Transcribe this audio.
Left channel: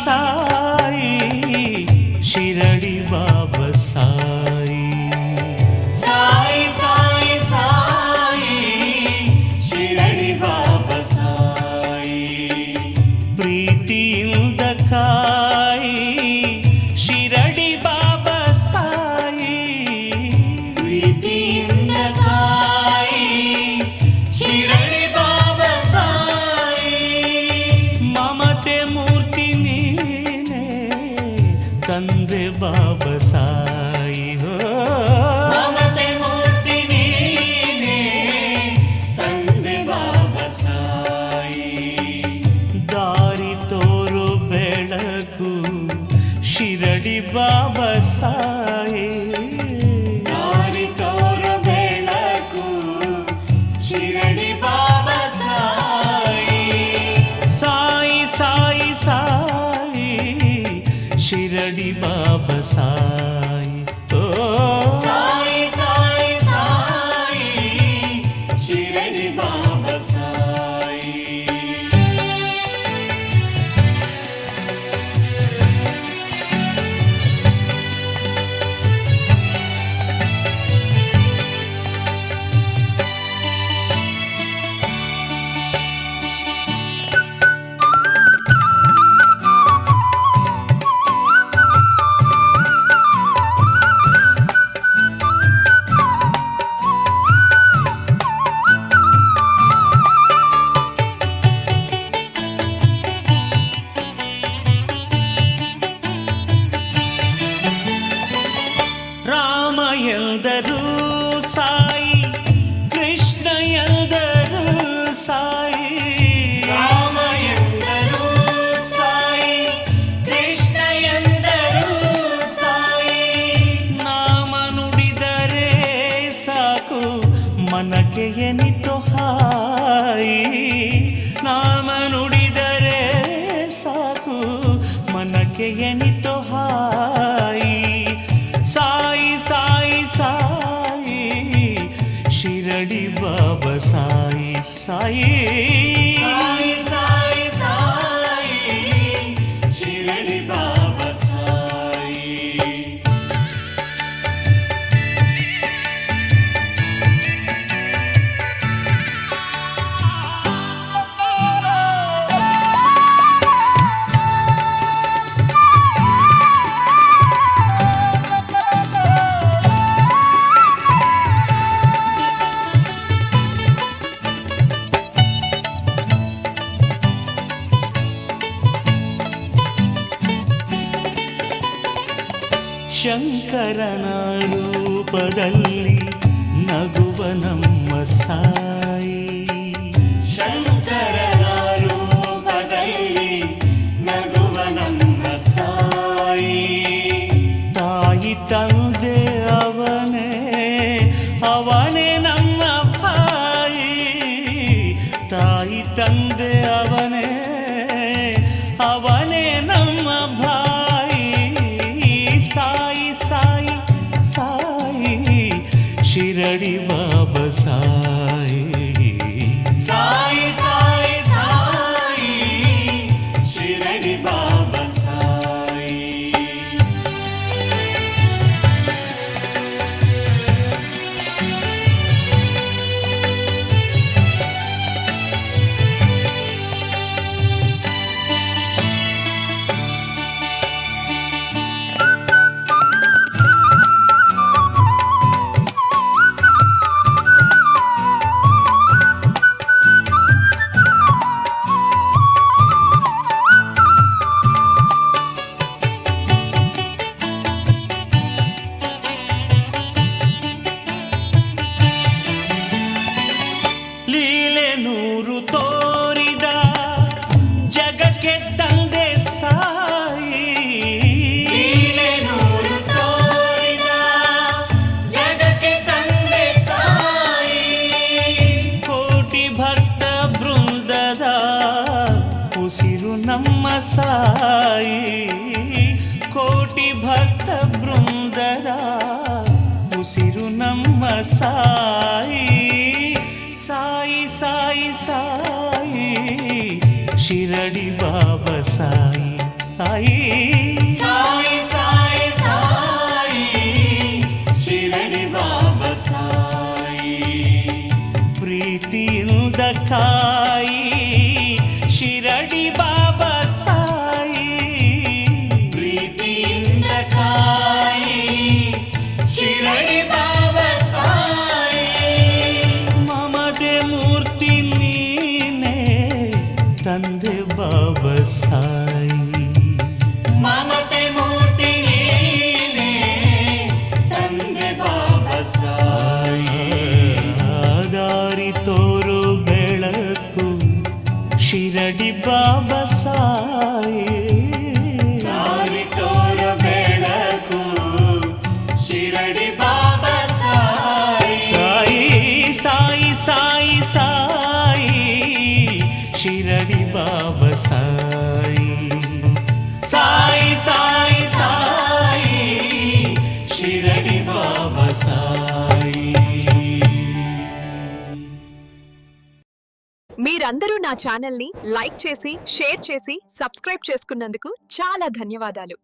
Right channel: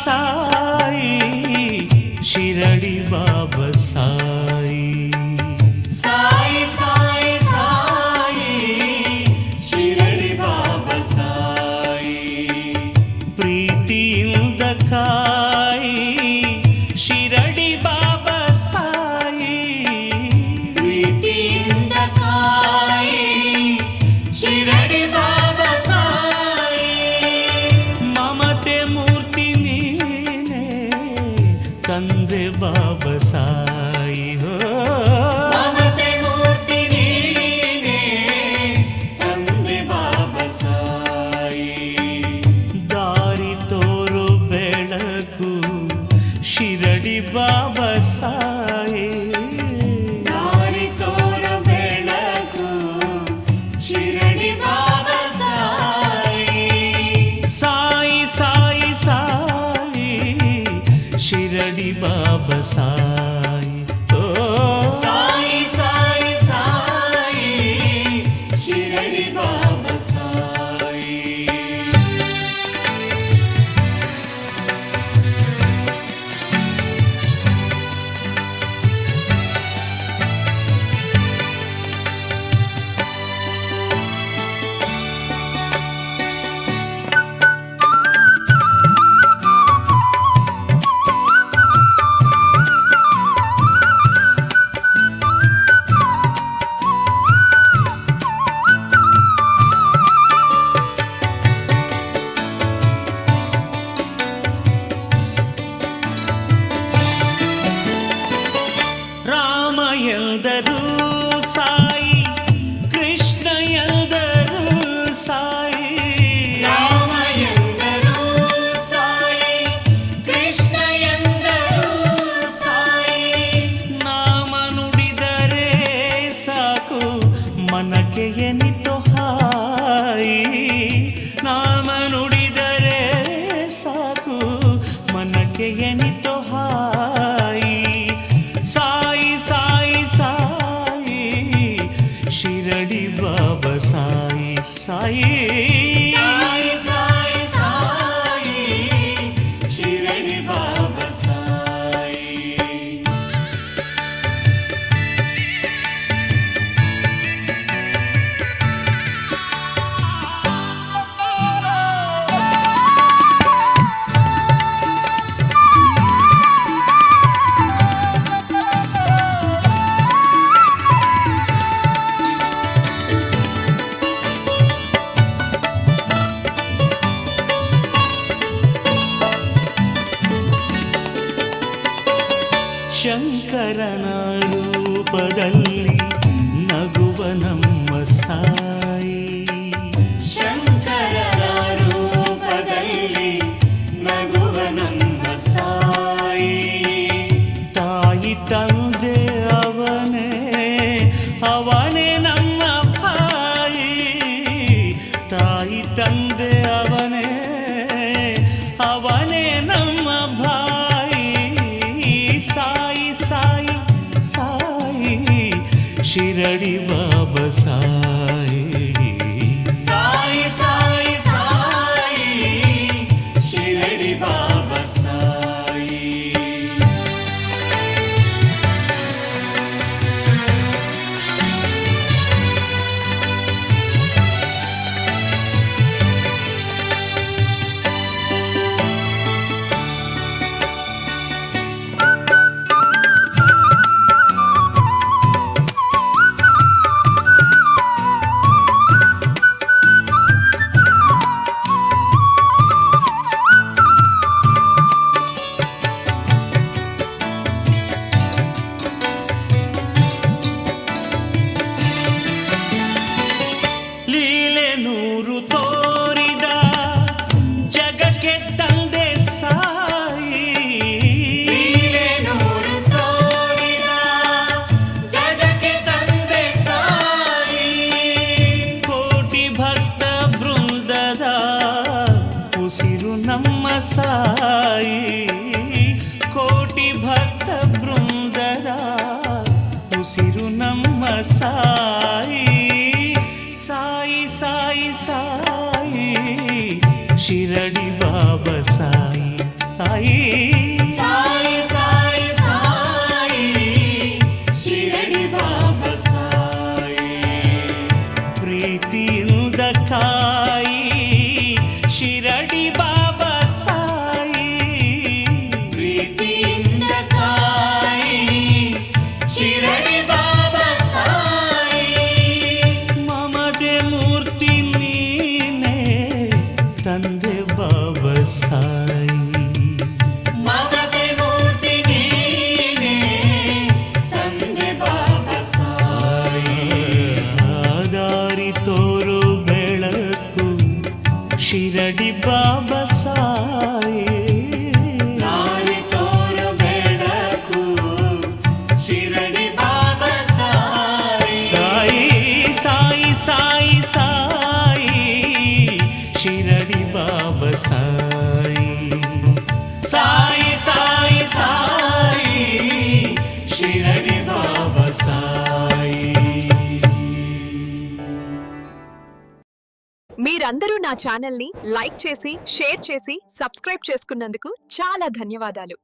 ಸಾಯಿ ಶಿರಡಿ ಬಾಬಾ ಸಾಯಿ ಸಾಯಿ ಸಾಯಿ ಸಾಯಿ ಶಿರಡಿ ಬಾಬಾ ಸಾಯಿ ಪ್ರೀತಿಯಿಂದ ಕಾಯಿ ಶಿರಡಿ ಬಾಬಾ ಸಾಯಿ ಪ್ರೀತಿಯಿಂದ ಕಾಯಿ ಶಿರಡಿ ಬಾಬಾ ಸಾಯಿ ಮಮತೆ ಮೂರ್ತಿ ನೀನೆ ತಂದೆ ಬಾಬಾ ಸಾಯಿ ಹೋ ಮಮತೆ ಮೂರ್ತಿ ನೀನೆ ತಂದೆ ಬಾಬಾ ಸಾಯಿ ದಾರಿ ತೋರು ಬೆಳಕು ಶಿರಡಿ ಬಾಬಾ ಸಾಯಿ ದಾರಿ ತೋರ ಬೆಳಕು ಶಿರಡಿ ಬಾಬಾ ಸಾಯಿ ಸಾಯಿ ಸಾಯಿ ಸಾಯಿ ಶಿರಡಿ ಬಾಬಾ ಸಾಯಿ ಓ ಸಾಯಿ ಸಾಯಿ ಸಾಯಿ ಶಿರಡಿ ಬಾಬಾ ಸಾಯಿ ರಾಮ ಎಂದರು ಸಾಯಿ ಕೃಷ್ಣ ಎಂದರು ಸಾಯಿ ರಾಮ ಎಂದರು ಸಾಯಿ ಕೃಷ್ಣ ಎಂದರು ಸಾಯಿ ನಾಮ ನುಡಿದರೆ ಸಾಕು ಮನಕ್ಕೆ ಎನಿತು ಹಾಯಿ ನಾಮ ನುಡಿದರೆ ಸಾಕು ಮನಕ್ಕೆ ಎನಿತು ಹಾಯಿ ಸಾಯಿ ಸಾಯಿ ಸಾಯಿ ಶಿರಡಿ ಬಾಬಾ ಸಾಯಿ ಸಾಯಿ ಸಾಯಿ ಸಾಯಿ ಸಾಯಿ ಶಿರಡಿ ಬಾಬಾ ಸಾಯಿ ಶಂಕರನ ರೂಪದಲ್ಲಿ ನಗುವ ನಮ್ಮ ಸಾಯಿ ಶಂಕರರ ರೂಪದಲ್ಲಿ ನಗುವ ನಮ್ಮ ಸಾಯಿ ತಾಯಿ ತಂದೆ ಅವನೇ ಅವನೇ ನಮ್ಮ ಭಾಯಿ ತಾಯಿ ತಂದೆ ಅವನೇ ಅವನೇ ನಮ್ಮ ಭಾಯಿ ಸಾಯಿ ಸಾಯಿ ಸಾಯಿ ಶಿರಡಿ ಬಾಬಾ ಸಾಯಿ ಸಾಯಿ ಸಾಯಿ ಸಾಯಿ ಶಿರಡಿ ಬಾಬಾ ಸಾಯಿ ಲೀಲೆ ನೂರು ತೋರಿದ ಜಗಕ್ಕೆ ತಂದೆ ಸಾಯಿ ಲೀಲೆ ನೂರು ತೋರಿದ ಜಗಕ್ಕೆ ತಂದೆ ಸಾಯಿ ಕೋಟಿ ಭಕ್ತ ಬೃಂದದ ಉಸಿರು ನಮ್ಮ ಸಾಯಿ ಕೋಟಿ ಭಕ್ತ ಬೃಂದದ ಉಸಿರು ನಮ್ಮ ಸಾಯಿ ಸಾಯಿ ಸಾಯಿ ಸಾಯಿ ಶಿರಡಿ ಬಾಬಾ ಸಾಯಿ ಸಾಯಿ ಸಾಯಿ ಸಾಯಿ ಸಾಯಿ ಶಿರಡಿ ಬಾಬಾ ಸಾಯಿ ಪ್ರೀತಿಯಿಂದ ಕಾಯಿ ಶಿರಡಿ ಬಾಬಾ ಸಾಯಿ ಪ್ರೀತಿಯಿಂದ ಕಾಯಿ ಶಿರಡಿ ಬಾಬಾ ಸಾಯಿ ಮಮತೆ ಮೂರ್ತಿ ನೀನೆ ತಂದೆ ಬಾಬಾ ಸಾಯಿ ಮಮತೆ ಮೂರ್ತಿ ನೀನೆ ತಂದೆ ಬಾಬಾ ಸಾಯಿ ದಾರಿ ತೋರು ಬೆಳಕು ಶಿರಡಿ ಬಾಬಾ ಸಾಯಿ ದಾರಿ ತೋರು ಬೆಳಕು ಶಿರಡಿ ಬಾಬಾ ಸಾಯಿ ಸಾಯಿ ಸಾಯಿ ಸಾಯಿ ಸಾಯಿ ಶಿರಡಿ ಬಾಬಾ ಸಾಯಿ ಸಾಯಿ ಸಾಯಿ ಸಾಯಿ ಶಿರಡಿ ಬಾಬಾ సాయి మీరందరూ నా ఛానల్ని లైక్ చేసి షేర్ చేసి సబ్స్క్రైబ్ చేసుకున్నందుకు చాలా ధన్యవాదాలు.